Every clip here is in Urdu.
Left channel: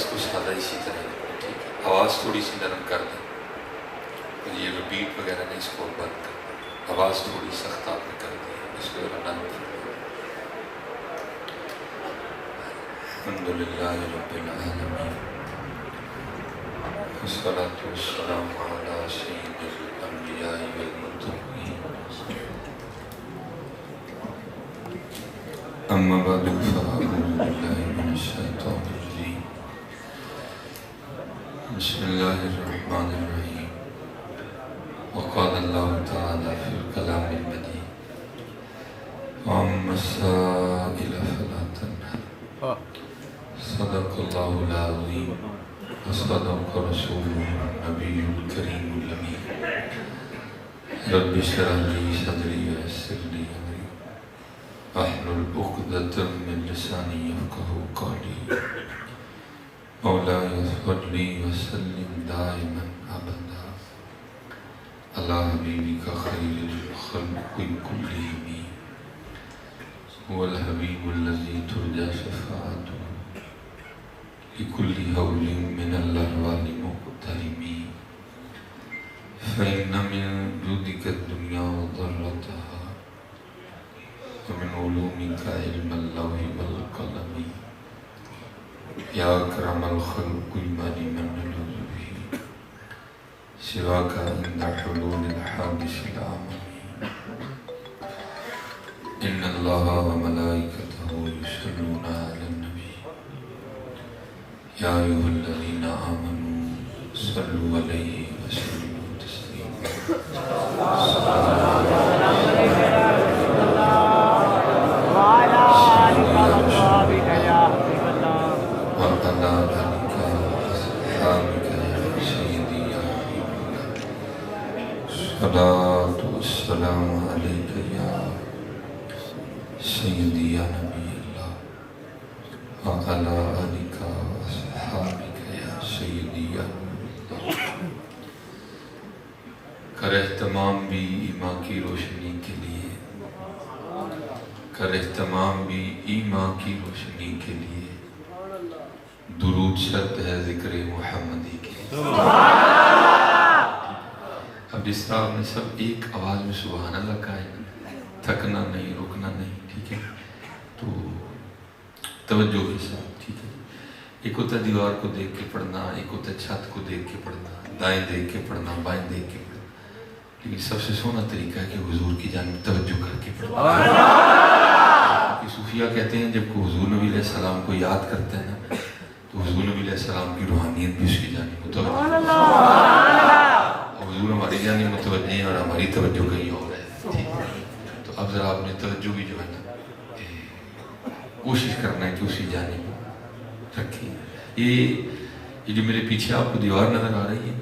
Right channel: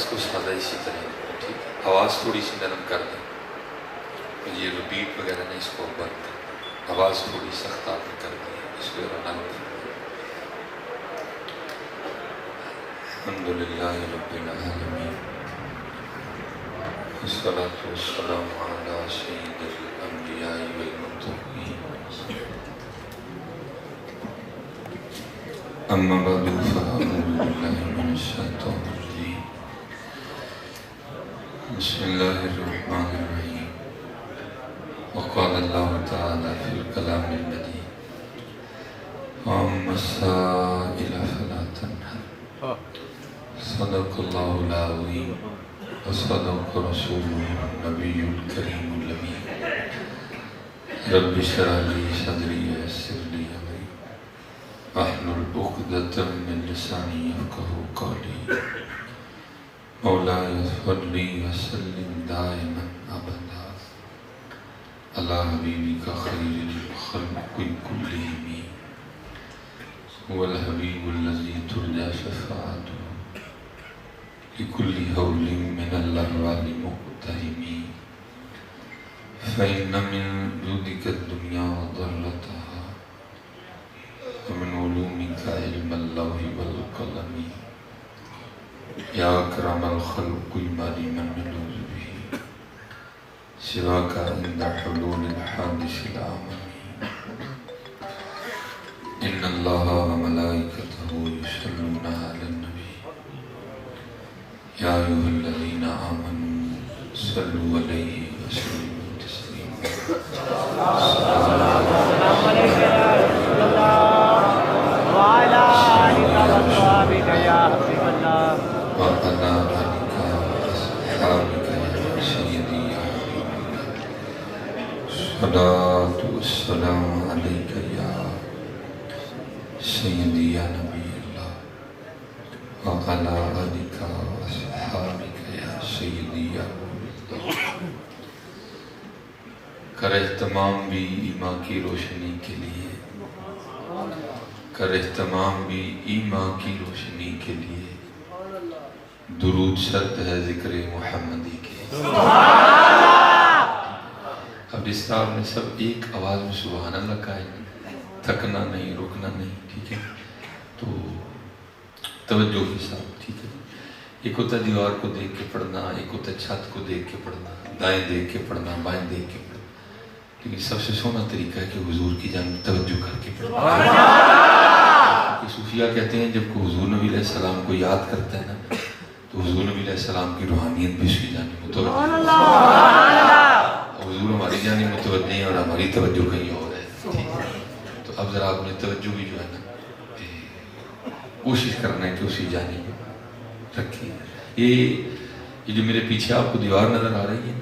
اس کو سادہ اسی طرح رکھیں، ٹھیک ہے؟ آواز تھوڑی سی نرم کر دیں، اور یہ رپیٹ وغیرہ نہیں، اس کو بند کر دیں، آواز تھوڑی سخت آپ نے کر دی، اس کو نرم کر دیں۔ الحمدللہ رب العالمین، والصلاة والسلام علی سید الانبیاء والمرسلین، اما بعد فاعوذ باللہ من الشیطان الرجیم، بسم اللہ الرحمن الرحیم، وقال اللہ تعالی فی الکلام المجید، وَأَمَّا السَّائِلَ فَلَا تَنْهَرْ، صدق اللہ العظیم وصدق رسولہ النبی الکریم الامین، رب اشرح لی صدری ویسر لی امری واحلل عقدۃ من لسانی یفقہوا قولی، مولاي صل وسلم دائما ابدا علی حبیبک خیر الخلق کلہم، هو الحبیب الذی ترجى شفاعته لكل هول من الأهوال مقترم، فإن من جودك الدنيا وضرتها، ومن علومك علم اللوح والقلم، يا أكرم الخلق المال من نلوذ به سواك عند حلول الحادث العمم، إن الله وملائكته يصلون على النبي، يا أيها الذين آمنوا صلوا عليه وسلموا تسليما، وعلى آلك وأصحابك يا حبيب الله، وعلى آلك وأصحابك يا سيدي يا حبيب الله، الصلاة والسلام عليك يا سيدي يا نبي الله، وعلى آلك وأصحابك يا سيدي يا نور الله۔ کر اہتمام بھی ایمان کی روشنی کے لیے، کر اہتمام بھی ایمان کی روشنی کے لیے، درود شرط ہے ذکر محمدی کے لیے۔ اب اس طرح میں سب ایک آواز میں سبحان اللہ کہا ہے، تھکنا نہیں، رکنا نہیں، ٹھیک ہے؟ تو توجہ کے ساتھ، ٹھیک ہے؟ ایک ہوتا ہے دیوار کو دیکھ کے پڑھنا، ایک ہوتا ہے چھت کو دیکھ کے پڑھنا، دائیں دیکھ کے پڑھنا، بائیں دیکھ کے پڑھنا، لیکن سب سے سونا طریقہ ہے کہ حضور کی جانب توجہ کر کے پڑھنا۔ کہ صوفیہ کہتے ہیں جب کوئی حضور نبی علیہ السلام کو یاد کرتا ہے نا، تو حضور نبی علیہ السلام کی روحانیت بھی اس کی جانب متوجہ ہے، اور حضور ہماری جانب متوجہ ہیں اور ہماری توجہ کہیں اور ہے، ٹھیک ہے؟ تو اب ذرا آپ نے توجہ بھی جو ہے نا کوشش کرنا ہے کہ اسی جانب رکھیں۔ یہ جو میرے پیچھے آپ کو دیوار نظر آ رہی ہے،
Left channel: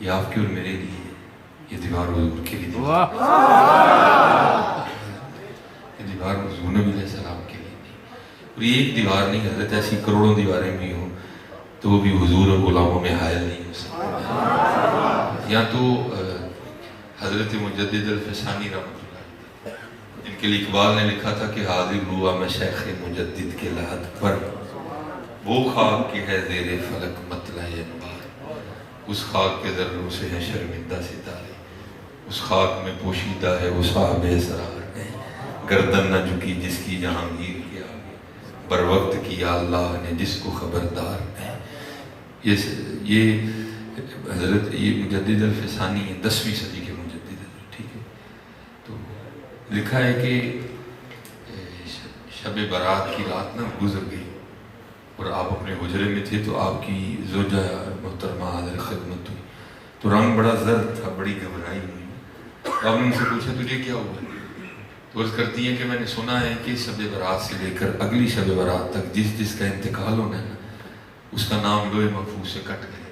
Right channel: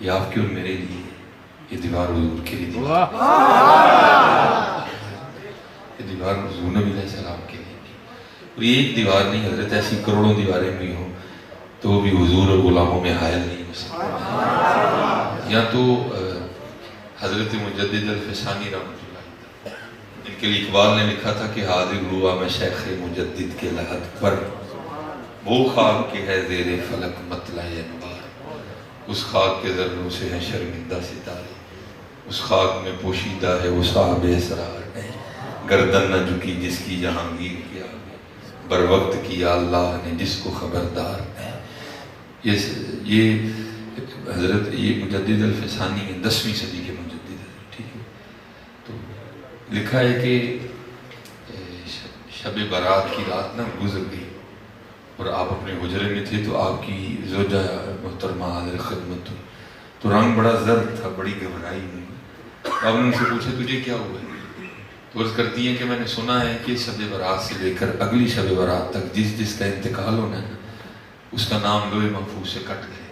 یہ آپ کے اور میرے لیے، یہ دیوار حضور کے لیے، یہ دیوار حضور نبی علیہ السلام کے لیے، اور یہ ایک دیوار نہیں، حضرت ایسی کروڑوں دیواریں بھی ہوں تو وہ بھی حضور اور غلاموں میں حائل نہیں ہو سکتی۔ یا تو حضرت مجدد الفسانی رحمۃ اللہ، ان کے لیے اقبال نے لکھا تھا کہ حاضر ہوا میں شیخ مجدد کے لحد پر، وہ خاک کے ہے زیر فلک مطلع انوار، اس خاک کے ذروں سے ہے شرمندہ ستارے، اس خاک میں پوشیدہ ہے وہ صاحب اسرار، گردن نہ جھکی جس کی جہانگیر کے آگے، بر وقت کیا اللہ نے جس کو خبردار ہے۔ یہ حضرت یہ مجدد الفسانی 10ویں صدی کے مجدد ہے، ٹھیک ہے؟ تو لکھا ہے کہ شب برات کی رات نہ گزر گئی اور آپ اپنے حجرے میں تھے، تو آپ کی زوجہ محترمہ حاضر خدمت ہوئی، تو رنگ بڑا زرد تھا، بڑی گھبرائی ہوئی۔ آپ نے ان سے پوچھا تجھے کیا ہوا؟ تو عرض کرتی ہیں کہ میں نے سنا ہے کہ شب برات سے لے کر اگلی شب برات تک جس جس کا انتقال ہونا ہے نا، اس کا نام لوح محفوظ سے کٹ گئے،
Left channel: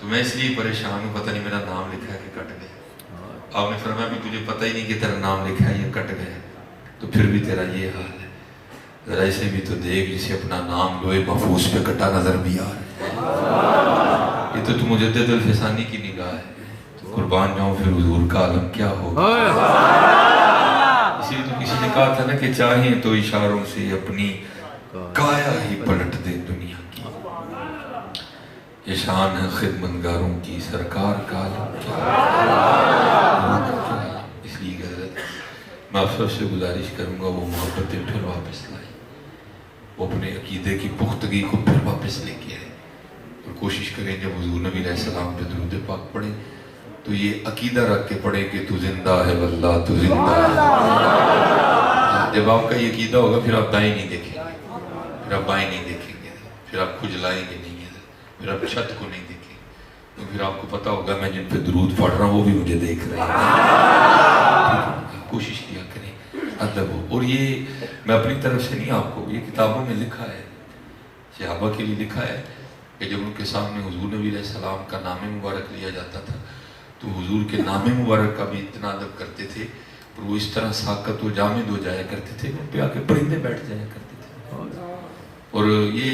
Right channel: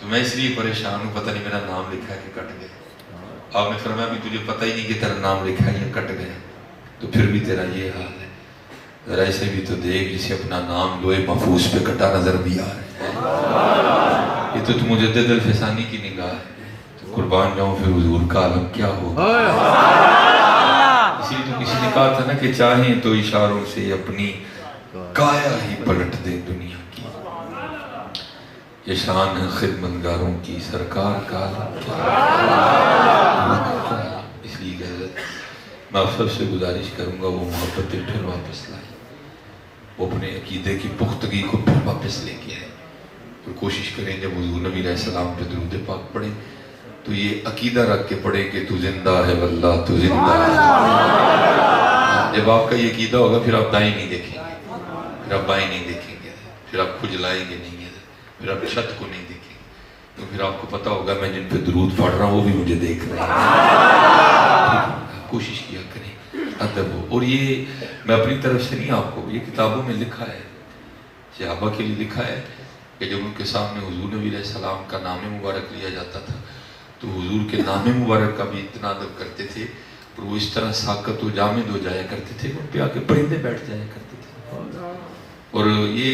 تو میں اس لیے پریشان ہوں، پتہ نہیں میرا نام لکھا ہے کہ کٹ گیا۔ آپ نے فرمایا بھی تجھے پتہ ہی نہیں کہ تیرا نام لکھا ہے یا کٹ گیا، تو پھر بھی تیرا یہ حال ہے، ذرا اسے بھی تو دیکھ جسے اپنا نام لوح محفوظ پہ کٹا نظر بھی آ رہا ہے۔ یہ تو مجدد الفسانی کی نگاہ ہے، تو قربان جاؤں پھر حضور کا عالم کیا ہوگا۔ اسی لیے تو کسی نے کہا تھا نا کہ چاہیں تو اشاروں سے اپنی کایا ہی پلٹ دے دنیا کی، یہ شان ہے خدمتگاروں کی سرکار کا عالم کیا ہے۔ اس لیے حضرت میں آپ سب سے گزارش کروں گا وہ محبتیں پھر واپس لائیں، وہ اپنے عقیدے کی پختگی کو پھر واپس لے کے آئیں، اور کوشش کریں جب حضور نبی علیہ السلام پہ درود پاک پڑھیں تو یہ عقیدہ رکھ کے پڑھیں کہ تو زندہ ہے واللہ تو زندہ ہے۔ جب آپ کا یہ عقیدہ ہوگا پھر آپ دائیں نہیں دیکھیں گے، پھر آپ بائیں نہیں دیکھیں گے، پھر آپ کھجلائیں گے نہیں گے، پھر آپ چھت کو نہیں دیکھیں گے، تو پھر آپ کو پتا ہوگا میں جن پہ درود پڑھ رہا ہوں وہ بھی مجھے دیکھ رہے ہیں۔ کوشش کیا کریں ادب ہو، اور یہ میں اپنی طرف سے نہیں، آپ کو یہ کتابوں میں لکھا ہے، صحابہ کے لیے لکھا ہے کہ جب ان کے سامنے حضور نبی علیہ السلام کا نام مبارک لیا جاتا تھا تو حضور کے نام مبارک کا بھی اتنا ادب کرتے تھے، اور وہ اس طرح ساکت و جامد ہو جایا کرتے تھے، ان پہ آ کے پرندے بیٹھ جایا کرتے تھے، اور یہ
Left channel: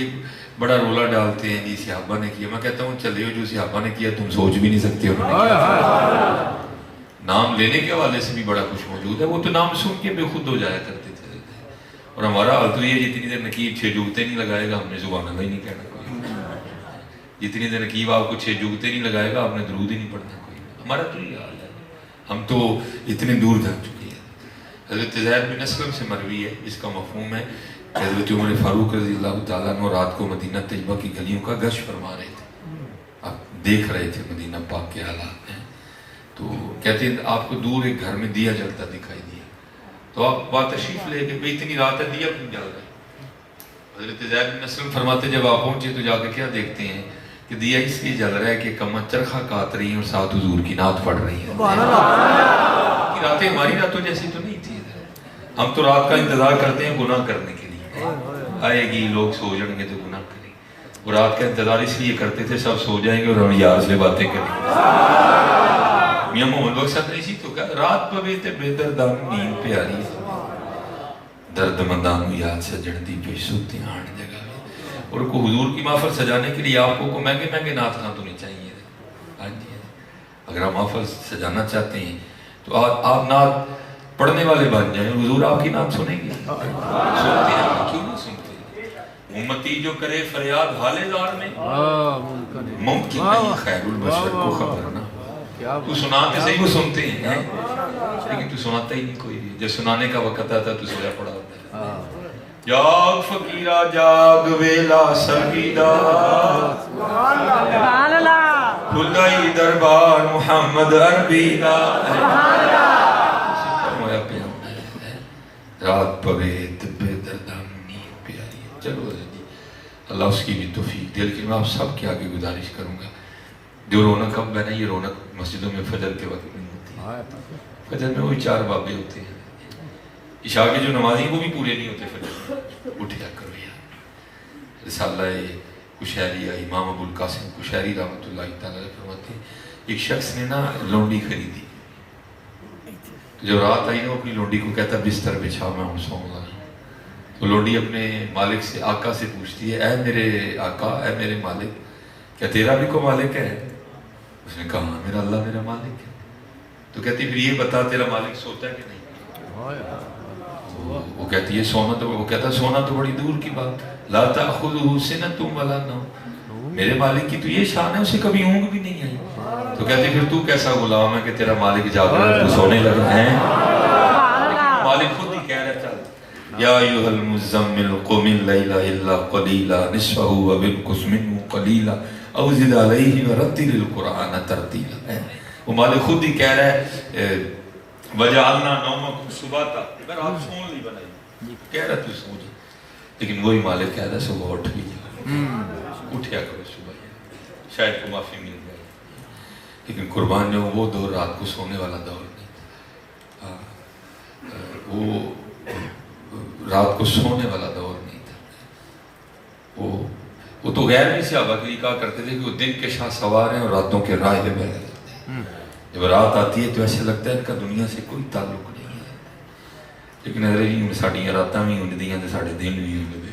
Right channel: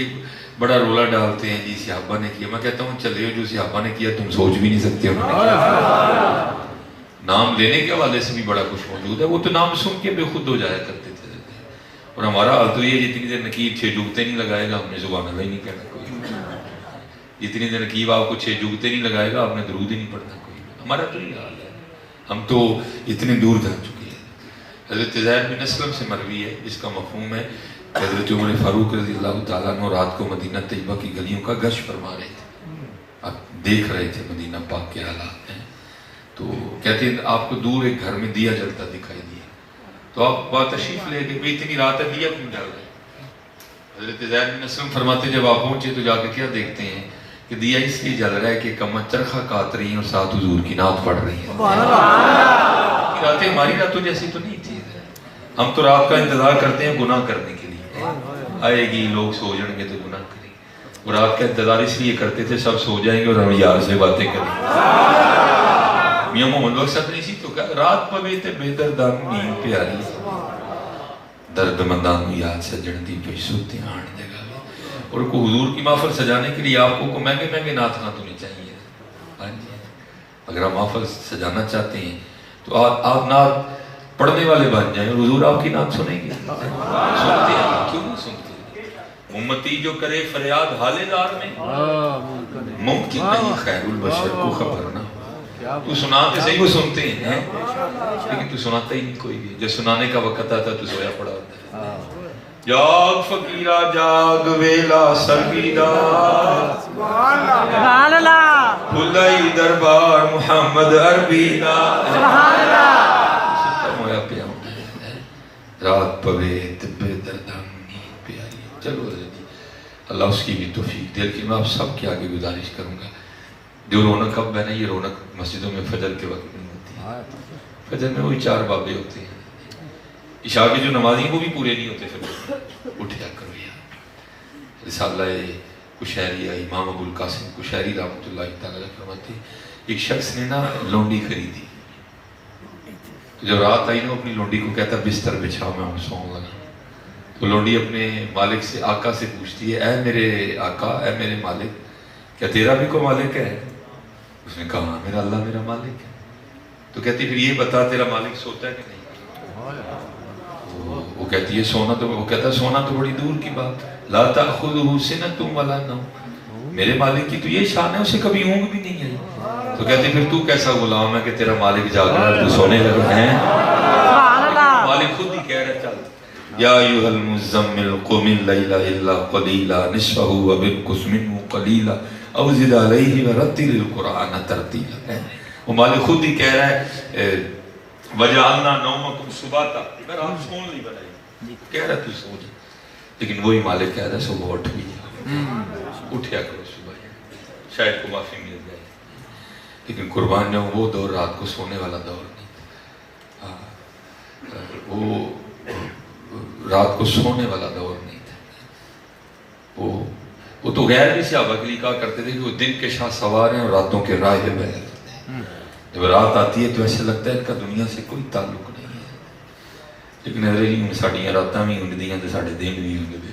بڑا رولا ڈالتے ہیں جی صحابہ نے کیا۔ میں کہتا ہوں چلے جو صحابہ نے کیا تم سوچ بھی نہیں سکتے انہوں نے کیا۔ نام لینے کے حوالے سے بھی بڑا کچھ موجود ہے، وہ تو نام سن کے بے خود ہو جایا کرتے تھے، اور ہمارا حال تو یہ جتنی دیر نقیب 6 جگتے نہیں لگائے گا ہم نے سبحان اللہ ہی نہیں کہنا کوئی، جتنی دیر نقیب آپ کو 6 جگتے نہیں لگائے گا آپ نے درود ہی نہیں پڑھنا کوئی، ہمارا تو یہ حال ہے، ہم تو اتنے دور جا چکے ہیں۔ حضرت زید بن اسلم سے مروی ہے، اس کا مفہوم ہے کہ حضرت عمر فاروق رضی اللہ تعالیٰ عنہ رات کو مدینہ طیبہ کی گلیوں کا گشت فرما رہے تھے، آپ دیکھ رہے تھے مدینہ پاک کے حالات ہیں، تو کہتے ہیں آپ کو دور ایک گھر میں دیا جلتا دکھائی دیا، تو آپ بات تشریف لے کے بھئی اتنی رات ہے دیا کیوں جل رہا ہے؟ حضرت زید بن اسلم فرماتے جب آپ پہنچے تو جا کے کیا دیکھتے ہیں کہ دیا اس لیے جل رہا ہے کہ کمر چرخہ کاٹ رہی ہیں اور ساتھ حضور کی نعت پڑھ رہی ہیں۔ راتیں ہماری راتوں جیسی تو نہیں تھی، ہم تو رات کا انتظار کرتے ہیں گناہ کرنے کے لیے، آئے گی لوگ سو جائیں گے تو گناہ کریں گے، وہ رات کا انتظار اس لیے کرتے تھے سب سو جائیں گے اور ہم یار سے باتیں کریں گے۔ میاں محمد بخش صاحب نے اسی تو کہا رات پوے تے بے دردان نیند پیاری درد مندان یاد سجن دی پہ سوتے آن جگہ، اور کو حضور کی محفل سجانے کے لیے آپ کو مہنگے مہنگے نعت خاں تو نہیں چاہیے۔ ہاں جی، اگر آپ محفل سجانا چاہتے ہیں تو آپ نعت پڑھنے والے بن جائیں، حضور آپ کی نعت سنیں گے، سنتے ہیں کیوں نہیں سنتے؟ امتی جو کرے فریاد حال دار میں ممکن نہیں خیر البشر کو خبر نہ، تو سناتے صحیح وہ سنتے ہیں لیکن تو سناتا ہی نہیں کوئی بھی، جب سنانے کا وقت آتا تو سویا پڑا ہوتا ہے۔ جاگ فقیرہ جاگ ویلا سرگیدہ کھلائی دربار محمد عربی کا رات پوے طبے دردان نیند پیاری۔ چلو جی اللہ اس کی بھی توفیق دے، لیکن میں آپ سب کے آگے گزارش کروں گا جو رونق اب ہے نا، یہ رونق مسجدوں میں فجر کے وقت میں ہوتی ہے، فجر میں وہی 4 بابے ہوتے ہیں، عشاء کے جو نمازی وہ بھی پورے نہیں ہوتے فجر میں، اٹھیا کرو یار۔ رسالہ کشیری امام ابو القاسم کشیری رحمۃ اللہ تعالیٰ فرماتے ہیں ایک شخص نے نا لونڈی خریدی، جو رات آئی نا اپنی لونڈی کو کہتا بستر بچھا میں ہوں سوؤں گا، تو لونڈی اپنے مالک سے آقا سے پوچھتی ہے اے میرے آقا اے میرے مالک کیا تیرا بھی کوئی مالک ہے؟ اس نے کہا میرا اللہ میرا مالک ہے، تو کہتی پھر یہ بتا تیرا مالک سوتا ہے کہ نہیں؟ وہ کہتی ہے سونا تو، وہ کہتا سونا تو بڑی دور کی بات، لا تأخذہ سنۃ ولا نوم، میرے مالک کی تو یہ شان ہے اسے کبھی اونگ بھی نہیں آئی، تو کہتی پھر تو کیسا غلام ہے کہ تیرا مالک جاگ رہا ہے تو سونے لگا ہے؟ مالک خود ہی کہہ رہا چل یا ایھا المزمل قم اللیل الا قلیلا نصفہ وانقص منہ قلیلا او زد علیہ ورتل القرآن ترتیلا، وہ مالک خود ہی کہہ رہا ہے وجعلنا نومکم سباتا، اگر آپ سون لی بنائی کہہ رہا تو سو جائے، لیکن وہی مالک کہہ رہا ہے صبح اٹھ بھی اٹھیا کرو صبح، شاید کو معافی مل جائے، لیکن قربان جو وہ دور رات کو سونے والا دور نہیں تھا، وہ رات کو سونے والا دور نہیں تھا، وہ تو غیر بھی صحابہ کے لیے کہا کرتے تھے کہ وہ دن کے شاہ سوار ہیں اور راتوں کے راہب ہیں، جب رات آتی ہے تو ایسے لگتا ہے ان کا دنیا سے کوئی تعلق نہیں ہے، لیکن ارے نہیں ساڑیاں راتاں بھی ہوں دیاں تو ساڑھے دن بھی ہوں دے،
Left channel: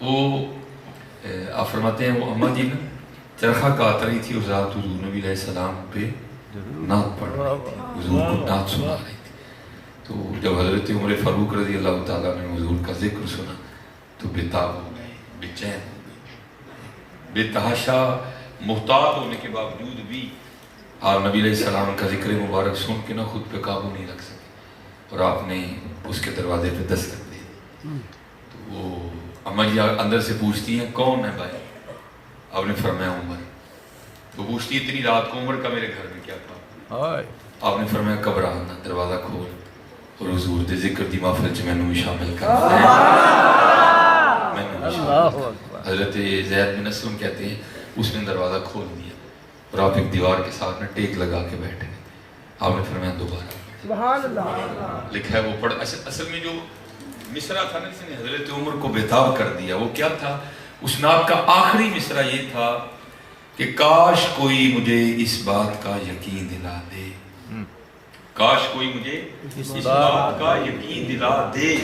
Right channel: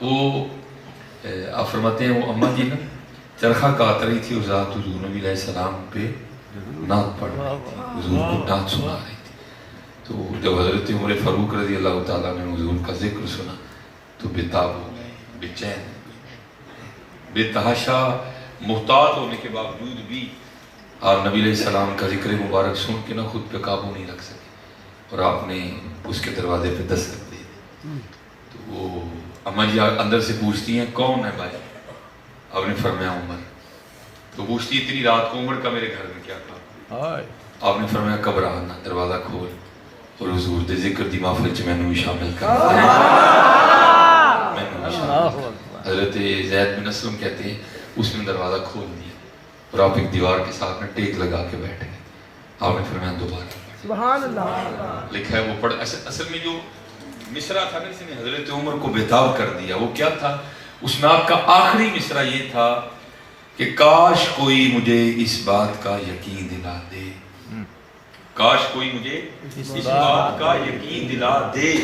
وہ آپ فرماتے ہیں وہ اماں جی نا چرخہ کاٹ رہی تھی اس رات حضور نبی علیہ السلام پہ نعت پڑھ رہی تھی، حضور کو نعت سنا رہی تھی، تو جب حضرت عمر فاروق رضی اللہ تعالیٰ نے حضور کا ذکر سنا تو بے تاب ہو گئے، بے چین ہو گئے، بے تحاشا محتاط ہونے کے باوجود بھی آپ نبی علیہ السلام کا ذکر مبارک سن کے نہ خود پہ قابو نہیں رکھ سکے اور آپ نے اس کے دروازے پہ دستک دی. تو وہ اماں جی اندر سے پوچھتی ہیں کون ہے بھائی؟ آپ نے فرمایا عمر. تو پوچھتی اتنی رات کو عمر کا میرے گھر میں کیا کام؟ آپ نے فرمایا گھبرانا دروازہ کھول اور حضور دے ذکر دی محفل چ مینوں شامل کر. حضرت زید بن اسلم کہتے ہیں اس نے دروازہ کھول دیا اور آپ ایک دیوار کے ساتھ میں ٹیک لگا کے بیٹھے. آپ نے فرمایا دوبارہ سبحان اللہ. لکھا ہے وہ پڑھ. اصل میں جو مصرع تھا نا جس نے حضرت عمر کو بےتاب کر دیا وہ کیا تھا؟ اس نعت کا آخری مصرع یہ تھا کہ کاش کوئی مجھے اس بات کا یقین دلا دے، کاش کوئی مجھے اس بات کا یقین دلا دے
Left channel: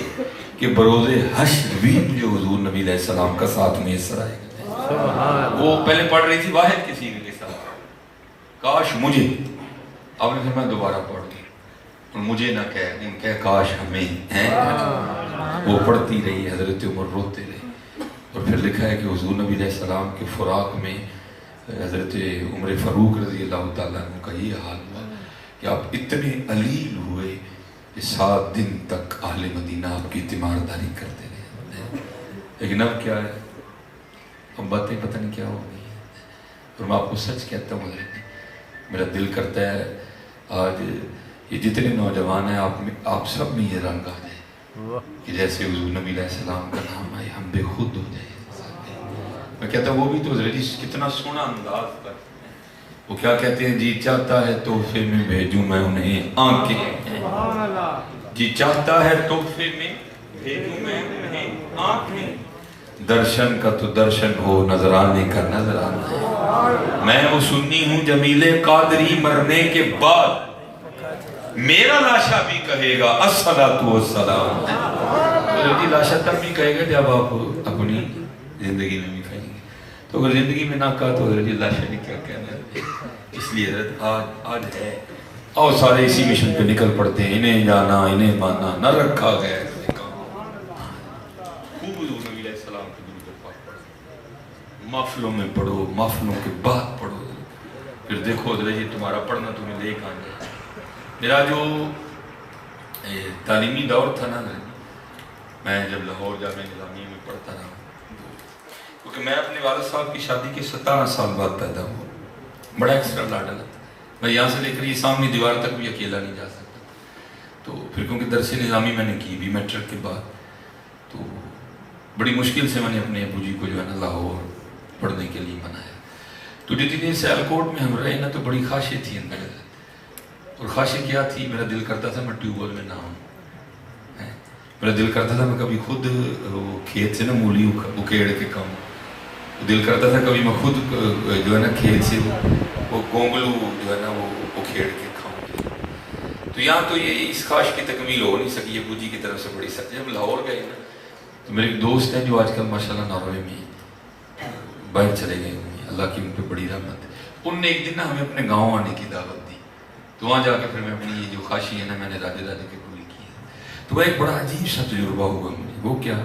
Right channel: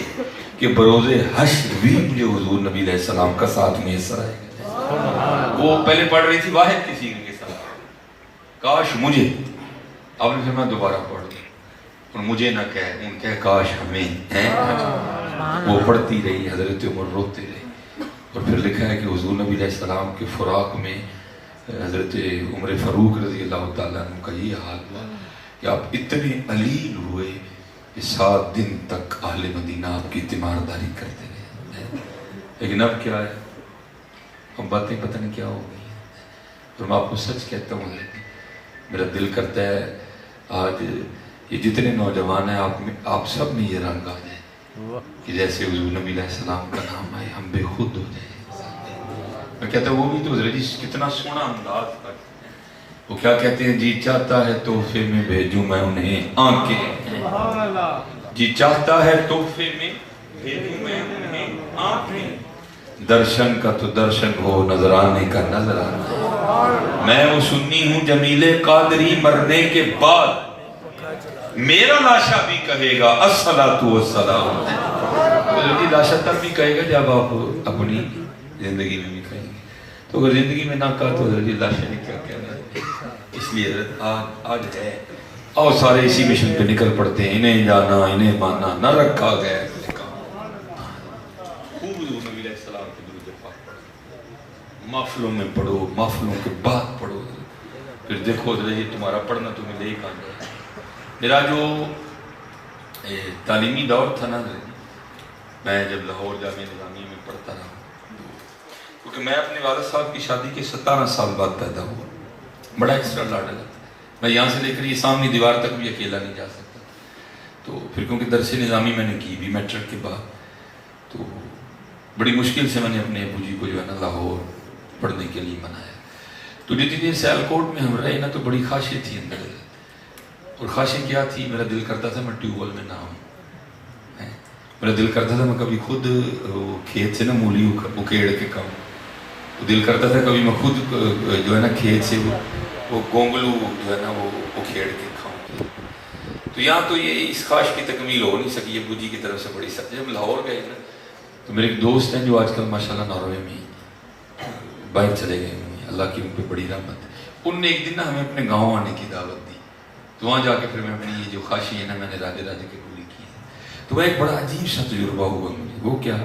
کہ بروز حشر بھی مجھے حضور نبی علیہ السلام کا ساتھ میسر آئے گا. وہ پہلے پڑھ رہی تھی واحد کے سیغے کے ساتھ کاش مجھے. آپ نے فرمایا دوبارہ پڑھ دی اور مجھے نہ کہہ ان کہہ کاش ہمیں ہیں. وہ پڑھتی رہی حضرت عمر روتے رہے اور پھر لکھا ہے کہ حضور نبی علیہ السلام کے فراق میں حضرت عمر فاروق رضی اللہ تعالیٰ عنہ کا یہ حال ہوا کہ آپ اتنے علیل ہوئے کہ 7 دن تک اہل مدینہ آپ کی تیمارداری کرتے رہے. لیکن اب کیا ہے؟ اب باتیں پتہ نہیں کیا ہو گئی ہیں. اور میں آپ کو سچ کہتا ہوں میرا دل کرتا ہے آج یہ جتنے نوجوان ہیں آپ سب میں یہ رنگ آ جائے کہ جیسے حضور نبی علیہ السلام کا نام آئے ہم بے خود ہو جائیں. میں کہتا ہوں وہ بھی تو حضرت جی کتنا سونا انداز پر وہ کیا کہتے ہیں جی چاہتا ہے تحفے میں بھیجوں میں انہیں آنکھیں، جی چاہتا ہے تحفے میں بھیجوں میں انہیں آنکھیں، درشن کا تو درشن ہو نظرانے کا نظرانہ. میں وہ سنی ہوں جمیل قادری مرنے کے بعد میرا لاشا بھی کہے گا الصلاۃ والسلام. لاشا تب بھی کہے گا جب آپ اپنی زندگی میں بھی کہیں گے. تو اگر زندگی میں نہ کہا تو حضرت لاشا نے کیا کہنا ہے. اس لیے حضرت آج ہے اور سارے اسی مشن پہ نکل پڑتے ہیں. انہیں جانا انہیں ماننا نہ رکھا گیا محفلوں میں پڑھو، محفلوں کے بعد پڑھو. پھر دیکھو حضرت جی تمہارا پڑھنا تمہیں لے کہاں جائے. میرا جو تعلیمی دور تھا نا میں جب لاہور جامعہ نظامیہ میں پڑھتا رہا کیونکہ میں اپنے والد صاحب کی شادی کے 17 سال بعد پیدا ہوا. بڑا ایکسٹرا لاڈل تھا. میں یہاں سے لے کر یہ سامنے دیوار تک بھی اکیلا نہیں جا سکتا. تو پھر کیونکہ درس نظامی میں نے کی بھی میٹرک کے بعد تو بڑی مشکل سے میں نے اپنے ابو جی کو جو ہے نا لاہور پڑھنے کے لیے منایا. تو جتنی دیر سیالکوٹ میں ہم رہے نا تو بڑی خواہشیں تھی اندر اور خواہشیں کیا تھی. میرا دل کرتا تھا میں ٹیوب ویل میں نہ ہوں. میرا دل کرتا تھا میں کبھی خود کھیت سے نا مولی اکیڑ کے کھاؤں. دل کرتا تھا کبھی میں خود جو ہے نا کھیت سے وہ گونگلو جو ہے نا وہ اکھیڑ کے کھاؤں. تو یہاں تو یہ اس خواہش کی تکمیل ہو نہیں سکی ابو جی کی طرف سے بڑی سخت. جب لاہور گئے نا تو میرے ایک دوست ہیں جو آج کل ماشاءاللہ ناروے میں باہر چلے گئے ہیں. اللہ کی ان پہ بڑی رحمت ہے. ان نے ایک دن نا ہمیں اپنے گاؤں آنے کی دعوت دی. تو وہاں جا کے پھر میں اپنی یہ جو خواہشی ہے نا میں نے راجے کے پوری کی ہے. تو وہ ایک بڑا عجیب سا تجربہ ہوا مجھے. وہ کیا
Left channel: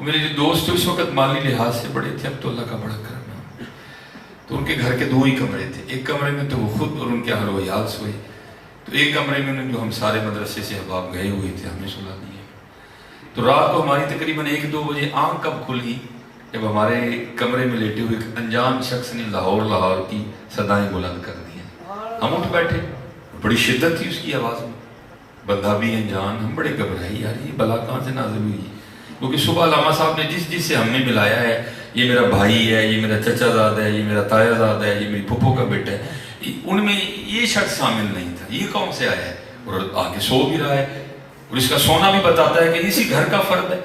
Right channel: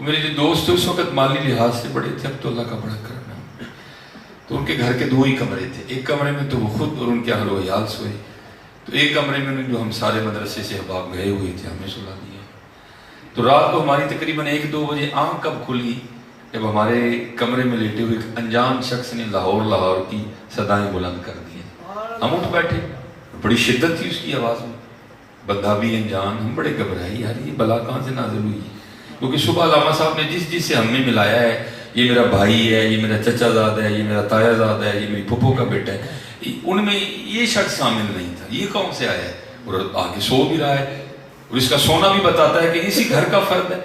میرے جو دوست تھے اس وقت مالی لحاظ سے بڑے تھے. اب تو اللہ کا بڑا کرم ہے. تو ان کے گھر کے 2 ہی کمرے تھے. ایک کمرے میں تو وہ خود اور ان کے اہل و عیال سوئے. تو ایک کمرے میں انہیں جو ہم سارے مدرسے سے احباب گئے ہوئے تھے ہمیں سلا دیا. تو رات کو ہماری تقریباً 1-2 بجے آنکھ کب کھلی جب ہمارے کمرے میں لیٹے ہوئے ایک انجان شخص نے لاہور کی صدائیں بلند کر دی. ہم اٹھ بیٹھے. بڑی شدت تھی اس کی آواز میں. بندہ بھی انجان. ہم بڑے گھبرائے یار یہ بلا کہاں سے نازل ہوئی. کیونکہ صبح علامہ صاحب نے جس سے ہم نے ملایا ہے یہ میرا بھائی ہے, یہ میرا چچا زاد ہے, یہ میرا تایا زاد ہے, یہ میری پھپھو کا بیٹا ہے, ان میں یہ شخص شامل نہیں تھا. یہ کون سے آیا ہے اور آگے سو بھی رہا ہے اور اس کا سونا بھی بتاتا ہے کہ اسی گھر کا فرد ہے.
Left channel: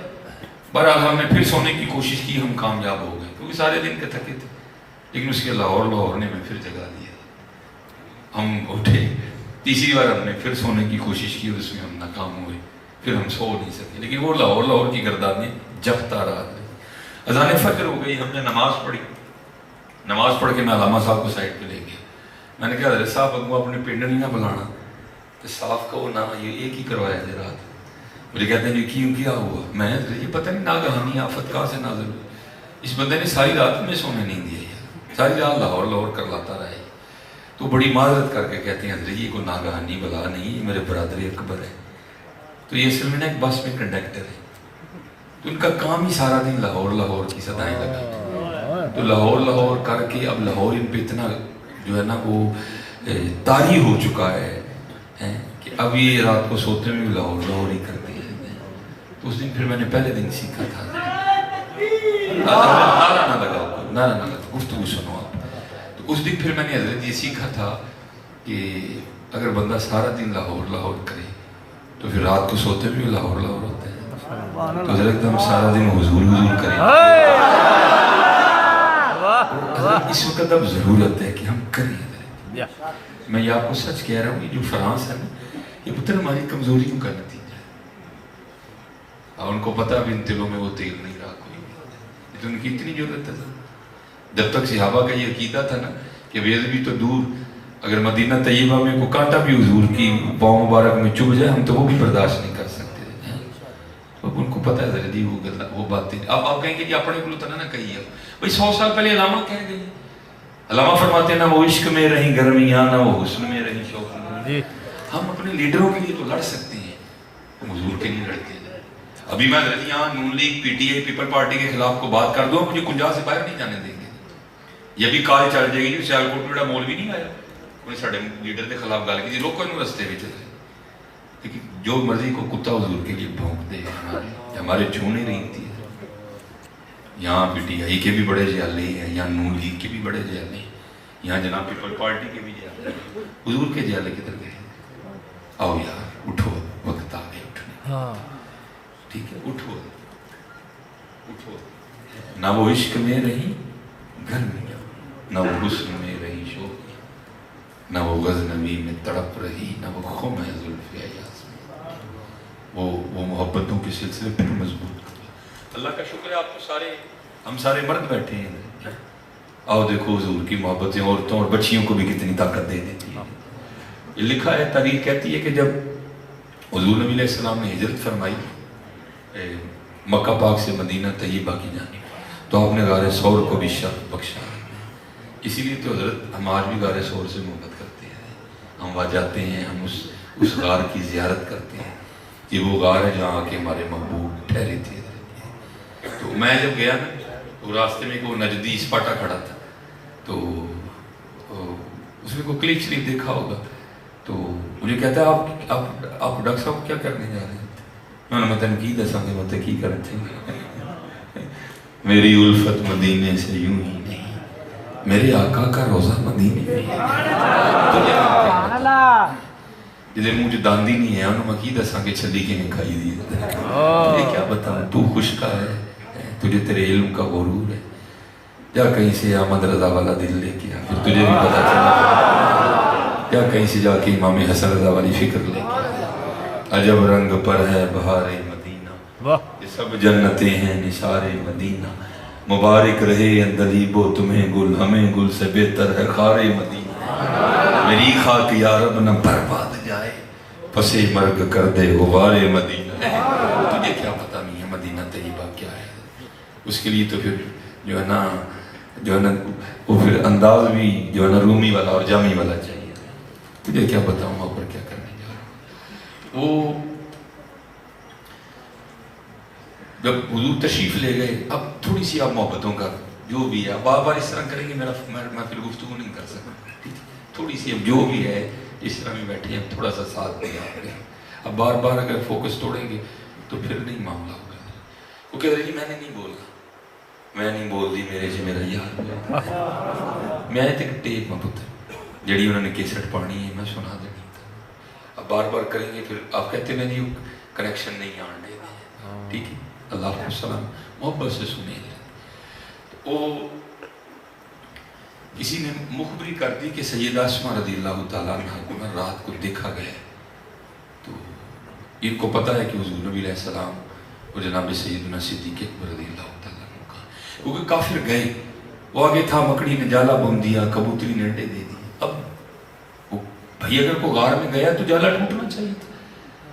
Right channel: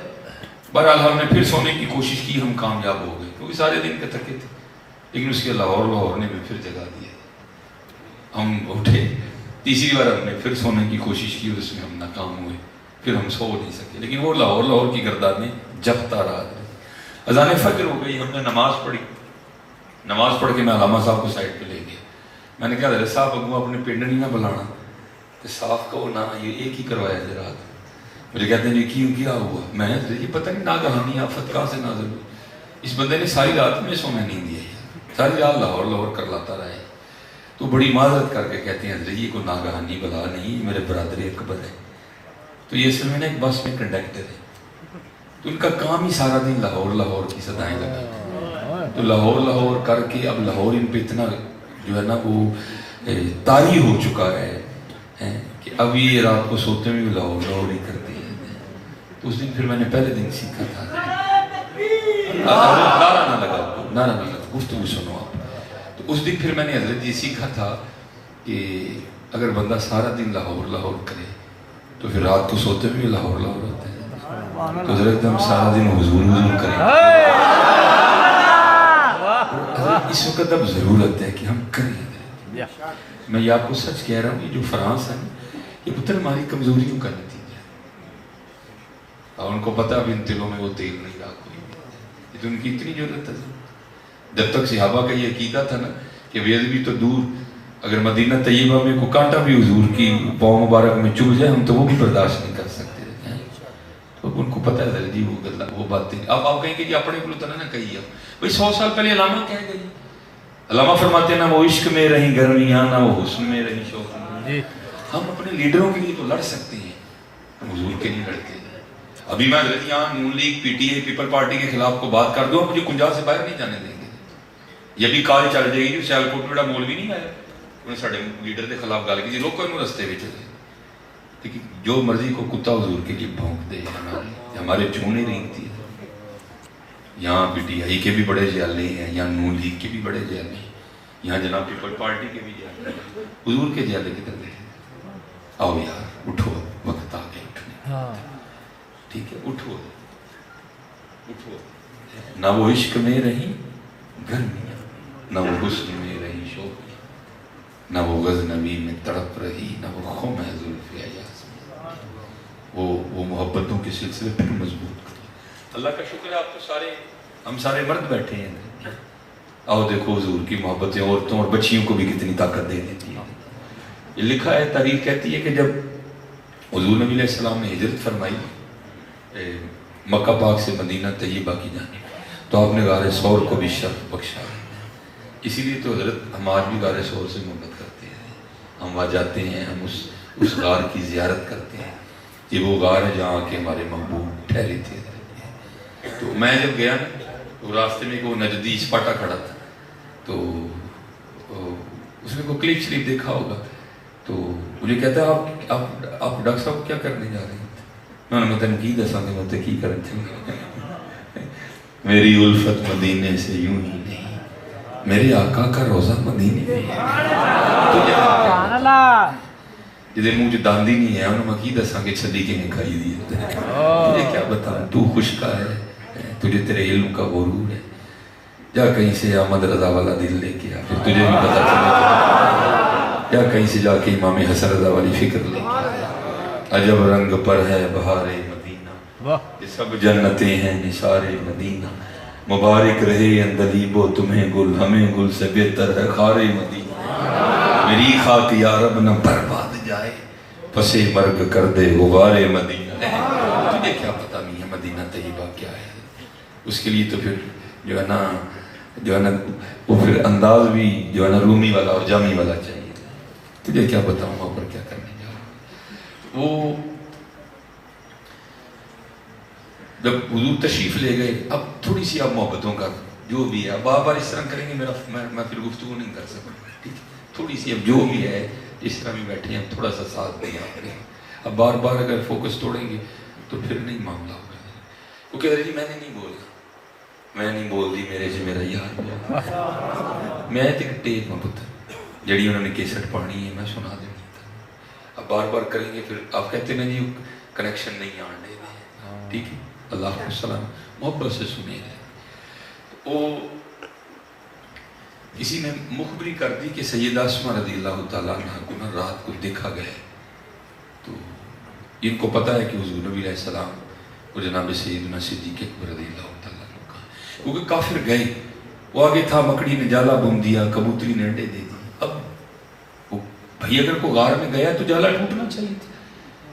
بہرحال ہم نے پھر سونے کی کوشش کی. ہم کامیاب ہو گئے کیونکہ سارے دن کے تھکے تھے. لیکن اس کے لاہور نے میں پھر جگا دیا. ہم اٹھے. تیسری بار ہم نے پھر سونے کی کوشش کی اور اس میں ہم ناکام ہوئے. پھر ہم سو نہیں سکے. لیکن وہ لاہور کی گردان میں جگتا رہا. اذان فجر ہو گئی. ہم نے نماز پڑھی. نماز پڑھ کے میں علامہ صاحب کو سائڈ پہ لے گیا. میں نے کہا حضرت صاحب اگو اپنے پنڈ نہیں نہ بلانا کہ صاف کہو نہ یہ ایک ہی کروایا جی رات. مجھے کہتے ہیں جی کیوں کیا ہوا. میں یہ پتہ نہیں ناگہانی آفت کہاں سے نازل ہوئی. اس بندے نے ساری رات میں سونے نہیں دیا ہے، ساری رات لاہور لاہور کر لاتا رہے، تو بڑی معذرت کر کے کہتے ہیں حضرت یہ کوئی ناگہانی بلا نہیں، یہ میرے برادری اکبر ہے، تو یہ اصل میں نا ایک بس میں کنڈکٹر ہے، تو ان کا کام ہی سارا دن لاہور لاہور کی صدائیں لگا، تو لاہور لاہور کر کے اب لاہور ان پہ اتنا جو ہے نا وہ طاری ہو چکا ہے کہ اب یہ رات کو سوتے میں بھی لاہور لاہور ہی کرتے ہیں۔ تو اس دن پھر میں نے پہلے دن سیکھا تھا، نعرہ نہ لگاؤ، نعرہ نہ لگاؤ، گفتگو سنو آپ۔ تو اس دن پھر میں نے حضرت یہ سیکھا تھا کہ اگر بندہ سارا دن لاہور لاہور کرے تو پھر رات کو سوتے میں بھی لاہور لاہور ہوتے ہیں، تو حضرت ہم سارا دن حضور حضور کریں۔ اس وقت اب ضرورت ہے کہ ہم کریں۔ میں یہ آپ کو سچ کہہ رہا ہوں، یہ جو فرانس ہے نا، یہ پتر ہماری کمزوریوں کا نتیجہ ہے، اور ان کو پتا اب ان دلوں میں وہ تیل نہیں رہا کوئی، یہ تو ان کی اتنی ضرورت ہے۔ جب تک صحابہ کا یہ عقیدہ تھا نا کہ بے ادبی تو دور، اگر مدینہ طیبہ میں کوئی کانٹا بھی حضور کی پاؤں مبارک میں چبھ جائے ہم تو وہ بھی برداشت نہیں کر سکتے ہیں۔ اب ان کو پتہ ہے جی وہ باتیں، اب آپ کہیں گے کہ اپنے کو نہ کہیے، بھائی 100 سال پہلے علامہ کہہ گئے، علامہ فرماتے ہیں نہ وہ عشق میں رہیں گرمیاں، نہ وہ حسن میں رہیں شوق۔ ہم اپنے لیڈروں کے لیے تو لڑ سکتے ہیں، حضور کے لیے لڑتے ہیں۔ ابھی میں یہاں Noon league, P T I, people party کے خلاف کو بات کر دوں، مجھے کنجا سے باہر نہیں جانے دیں گے۔ یہ بھی کال چل جائے گی جو سیالکوٹ میں بڑا مولوی نہیں آیا، انہیں ساڑھے لیڈر کے خلاف گال کی، لوگ کوئی رستے بھی چلے، لیکن جو مرضی کو کتا حضور کے لیے بھونک دے، ہمارے چونے رہی تھی۔ یہاں پی ٹی آئی کے بھی بڑے جیالے ہیں، یہاں نون لیگ کے بھی بڑے جیالے ہیں، یہاں جناب پیپل پارٹی کے بھی جیالے ہیں، حضور کے جیالے کدھر گئے؟ آؤ یار اٹھو، وقت آ گئے اٹھنے، ٹھیک ہے، اٹھو اٹھو۔ نہ وہ عشق میں رہی گرمیاں، نہ وہ حسن میں رہی شوق، نہ وہ غزنوی میں تڑپ رہی، نہ وہ خم ہے زلف ایاز میں، وہ محبتوں کے سلسلے پر مضبوط کرو۔ اللہ کا شکر ہے آپ تو سارے، ہم سارے مرد بیٹھے ہیں، آؤ دیکھو حضور کی محبتیں عورتوں اور بچیوں کو بھی کتنی طاقت دے دیتی ہیں۔ یہ لکھا ہے، تاریخ کہتی ہے کہ جب حضور نبی علیہ السلام نے ہجرت فرمائی مکہ پاک سے مدینہ طیبہ کی جانب، تو آپ نے غار ثور کو بھی شرف بخشا، اسی لیے تو حضرت ہم آج بھی غار ثور سے محبت کرتے ہیں، ہم وہاں جاتے ہیں، ہم اس غار کی زیارت کرتے ہیں، یہ وہ غار ہے جہاں کے ہمارے محبوب ٹھہرے تھے۔ تو میں جب گیا نا، وہ راستے میں وہ نجدی اسپاٹا کھڑا تھا، تو اس نے کو کلپ شریف دیکھا ہوگا، تو مجھے کہتا ہے آپ ڈاکٹر صاحب کیا کرنے جا رہے ہیں؟ میں نے مطلب کی دساں گے مطلب کی کرنا چاہیے، میری الفت مدینے سے یوں ہی نہیں، میرے آقا کا روزہ مدینے میں جدے مجھے داندی نہیں ہے، انہوں نے کی دساں کہ چھلی کے نہیں کھائی دی، تجھے کیا بتاؤں، تو خوشکا ہے، تجھے تیرے علم کا غرور ہے، جا کہیں سے احمد رضا والا دل لے کے آ، پھر تجھے بھی پتا چلا، یا کہیں سے جا کے امام حسن رضا والی فکر لے کے آ، عجب رنگ پر ہے بہار مدینہ، یہ سب جنتیں ہیں نثار مدینہ، مبارک رہے اندلیب و تمہیں گل، ہمیں گل سے بہتر ہے خار مدینہ، میری خاک یا رب نہ برباد جائے، پسے مرگ کر دے غبار مدینہ۔ تجھے کیا پتا نہیں ہے مدینہ طیبہ کیا ہے، اس کے لیے تو پھر جو ہے نا وہ پھر انداز بھی جو ہے نا رومی والا اور جامی والا چاہیے۔ تجھے کیا بتاؤں وہاں پر کیا کرنے جا رہا ہوں۔ وہ جب حضور تشریف لے گئے، اب تھوڑی سی آپ محبتوں کا جو بھی ہے، بار بار اس طرح کریں گے میں پھر گفتگو نہیں کر سکتا، تھوڑی سی اب جو بھی ہے اس طرح میں بیٹھے ہیں، تھوڑا سا ساتھ دیں آپ نے، اب بار بار اگر فوکس توڑیں گے تو پھر نہیں معاملہ ہوگا۔ وہ کہہ رہے جی میں نے نہیں بولا، میں نہیں بول دی میرے سے میرا یار، میں ایک ٹیپ میں پتر جڑی انہوں نے کیسٹ پڑھنی ہے میں سنا دینی تھا، اب بار بار کریں گے پھر آپ کہتے ہیں جی کنیکشن نہیں آنے دیں، ٹھیک ہے، اللہ علیہ السلام محبت سے سنے ہیں۔ وہ کسی نے مخبری کر دی کہ سیدہ اسماء رضی اللہ تعالیٰ عنہ کو رات کو دیکھا گیا، تو ان کو پتا ہے کہ حضور نبی علیہ السلام وہ جناب سیدنا صدیق اکبر رضی اللہ تعالیٰ عنہ کا، کیونکہ کافر گئے، وہ آگے تھا، مکڑی نے جالا بم دیا، کبوتری نے انڈے دے دی، اب وہ بھائی اگر کوئی غار میں گیا تو جالا ٹوٹنا چاہیے تھا،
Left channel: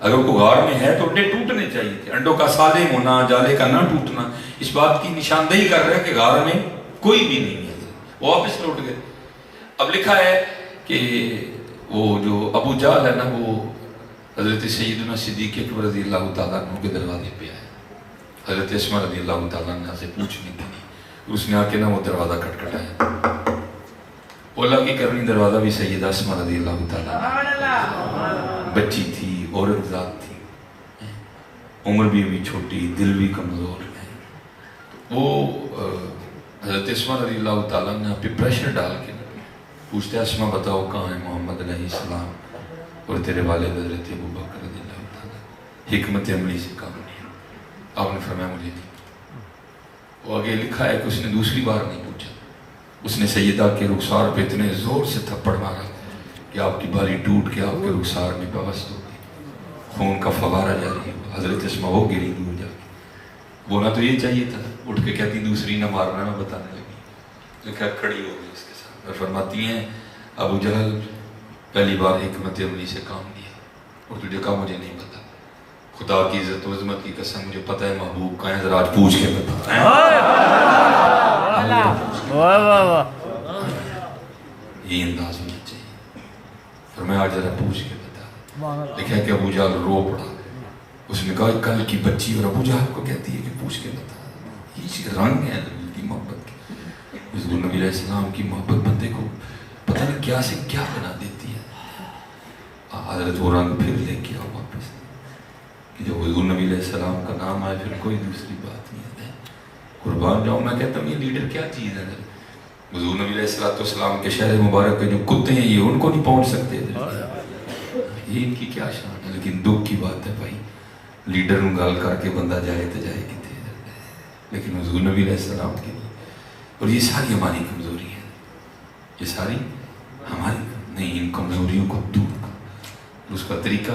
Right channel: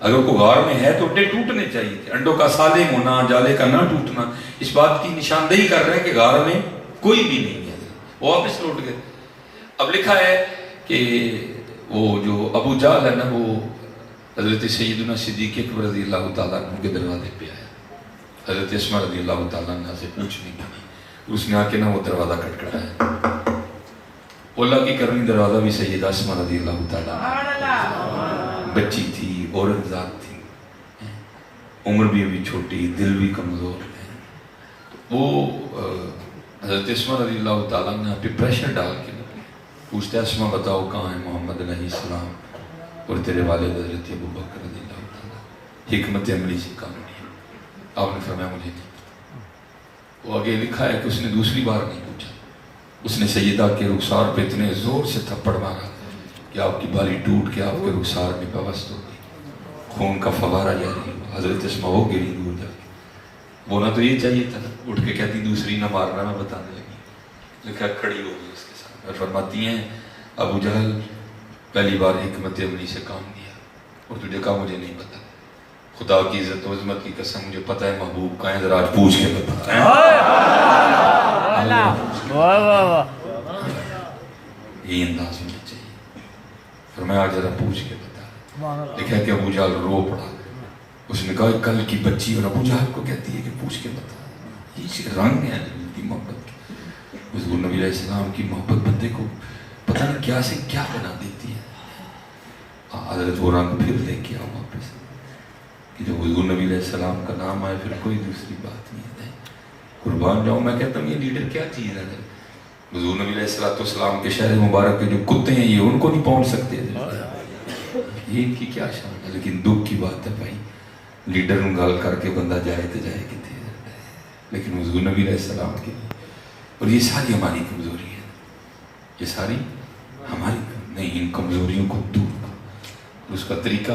اگر کوئی غار میں ہے تو انڈے ٹوٹنے چاہیے تھے، انڈوں کا سالم ہونا، جالے کا نہ ٹوٹنا اس بات کی نشاندہی کر رہے ہیں کہ غار میں کوئی بھی نہیں ہے. وہ واپس لوٹ گئے. اب لکھا ہے کہ وہ جو ابو جہل ہے نا وہ حضرت سیدنا صدیق اکبر رضی اللہ تعالیٰ عنہ کے دروازے پہ آیا حضرت اسماء رضی اللہ تعالیٰ عنہ سے پوچھنے کے لیے. اس نے آ کے نا وہ دروازہ کھٹکھٹایا. اللہ کی کرنی دروازہ بھی سیدہ اسماء رضی اللہ تعالیٰ عنہ بچی تھی, عورت ذات تھی, عمر بھی ابھی چھوٹی, دل بھی کمزور ہے. وہ حضرت اسماء رضی اللہ تعالیٰ نے پہ پریشر ڈال کے پوچھتا ہے اسماء بتاؤ کہاں ہے محمد علیہ السلام اور تیرے والد حضرت ابو بکر رضی اللہ تعالیٰ. حکمت عملی سے کام نہیں. آپ نے فرمایا مجھے نہیں. وہ آگے لکھا ہے کہ اس نے دوسری بار نہیں پوچھا. اس نے سیدہ کے رخسار پہ اتنے زور سے تھپڑ مارا کہ آپ کی باری ٹوٹ کے آپ کے رخسار میں پیوست ہو گئی, خون کا فوارہ جاری ہوا. حضرت اسماء ہو گئی دور جا کے. بولنا تو یہ چاہیے تھا, اٹھ کے کہتی دوسری نہ مارنا, میں بتانے لگی. لکھا کھڑی ہو گئی اس کے ساتھ اور فرماتی ہیں ابو جہل پہلی بار حکمت عملی سے کام لیا اور تجھے کہا مجھے نہیں پتا. خدا کی عزت و عظمت کی قسم مجھے پتہ ہے محبوب کہاں ہے, ذرا آج پوچھ کے بتا. یہی انداز ہونا چاہیے. پھر میں آج ذرا پوچھ کے بتا. دیکھا کہ ابو جہل رو پڑا. اس نے کہا کل کی بچی اور ابو جہل کو کہتی ہے کہ پوچھ کے بتا. یہ رنگ ہے محبت کے. حضور نبی علیہ السلام کی محبت بندے کو پتہ نہیں کیا سے کیا بنا دیتی ہے. حضرت وہ رنگ پھر لے کے آؤ واپس کہ جب حضور نبی علیہ السلام کا نام آئے پھر کوئی دوسری بات نہیں ہے. قربان جاؤں میں کہتا ہوں یہ لیڈر کیا چیز ہے. حضور نبی علیہ السلام کے شہر مبارک کے جو کتے ہیں یہ ان کو نہیں پہنچ سکتے تھے. یہ ان کی کیا شان ہے. لیکن دکھ کی بات ہے بھائی, لیڈر نوں گال کر کے بندہ جائے تو جائے کتنے, لیکن حضور نبی علیہ السلام کے لیے. اور یہ ساری ہماری کمزوری ہے, یہ ساری ہماری نہیں. ان کمزوریوں کو دور کر. اس کا طریقہ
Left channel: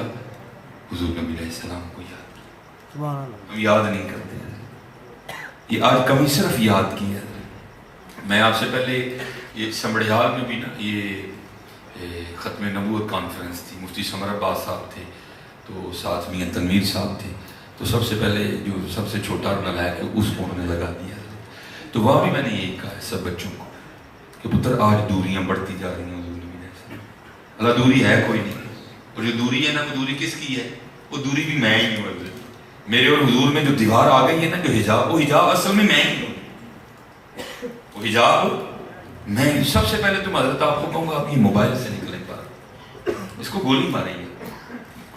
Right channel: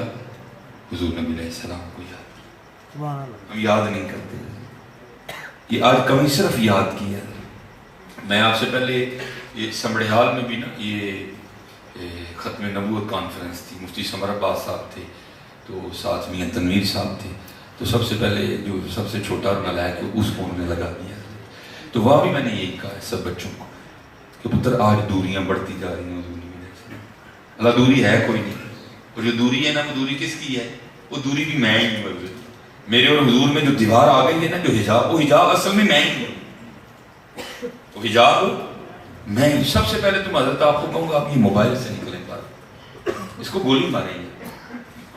حضور نبی علیہ السلام کو یاد کیا. ہم یاد نہیں کرتے ہیں. یہ آج کمی صرف یاد کی ہے. میں آپ سے پہلے یہ سمڑیال میں بھی نا یہ ختم نبوت کانفرنس تھی. مفتی سمر عباس صاحب تھے, تو ساتھ میاں تنویر صاحب تھے. تو سب سے پہلے جو سب سے چھوٹا اور نالائق ہے اس کو انہوں نے لگا دیا. تو وہاں بھی میں نے یہی کہا ہے سب بچوں کو کہ پتر آج دوریاں بڑھتی جا رہی ہیں. اللہ دوری ہے کوئی نہیں. اور جو دوری ہے نا وہ دوری کس کی ہے, وہ دوری بھی میں ہی ہوں. میرے اور حضور میں جو دیوار آ گئی ہے نا, جو حجاب, وہ حجاب اصل میں ہی ہوں. وہ حجاب میں ہی. سب سے پہلے تم حضرت آپ کو کہوں گا آپ یہ موبائل سے نکلیں بار, اس کو گولی ماریں گے.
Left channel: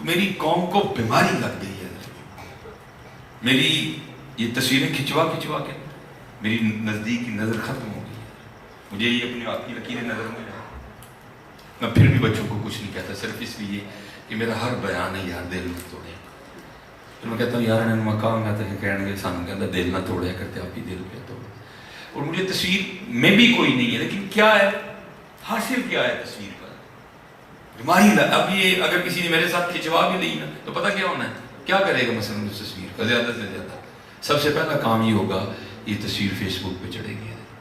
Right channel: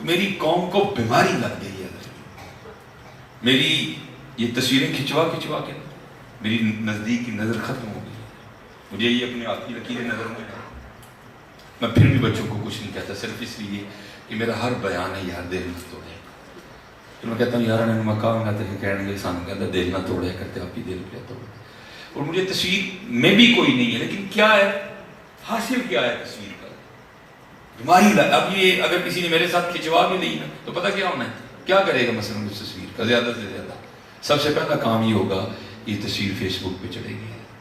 میری قوم کو بیماری لگ گئی ہے. میری یہ تصویریں کھچوا کے میری نزدیک کی نظر ختم ہو گئی. مجھے یہ اپنے آپ کی لکیریں نظر میں. میں پھر بھی بچوں کو کچھ نہیں کہتا, صرف اس لیے کہ میرا ہر بیان ہے یار دل نہ توڑے. پھر میں کہتا ہوں یار انہوں نے کہا میں تو کہنے گے سانو کہتا دل نہ توڑے کرتے آپ کی دل پہ توڑے. اور مجھے تصویر میں بھی کوئی نہیں ہے, لیکن کیا ہے حاصل کیا ہے تصویر کا بیماری. اب یہ اگر کسی نے میرے ساتھ کھچوا بھی لی نا تو پتہ کیا ہونا ہے, کیا کرے گا مثلا اس تصویر کا زیادہ سے زیادہ. سب سے پہلا کام یہ ہوگا یہ تصویر فیس بک پہ چڑھے گی.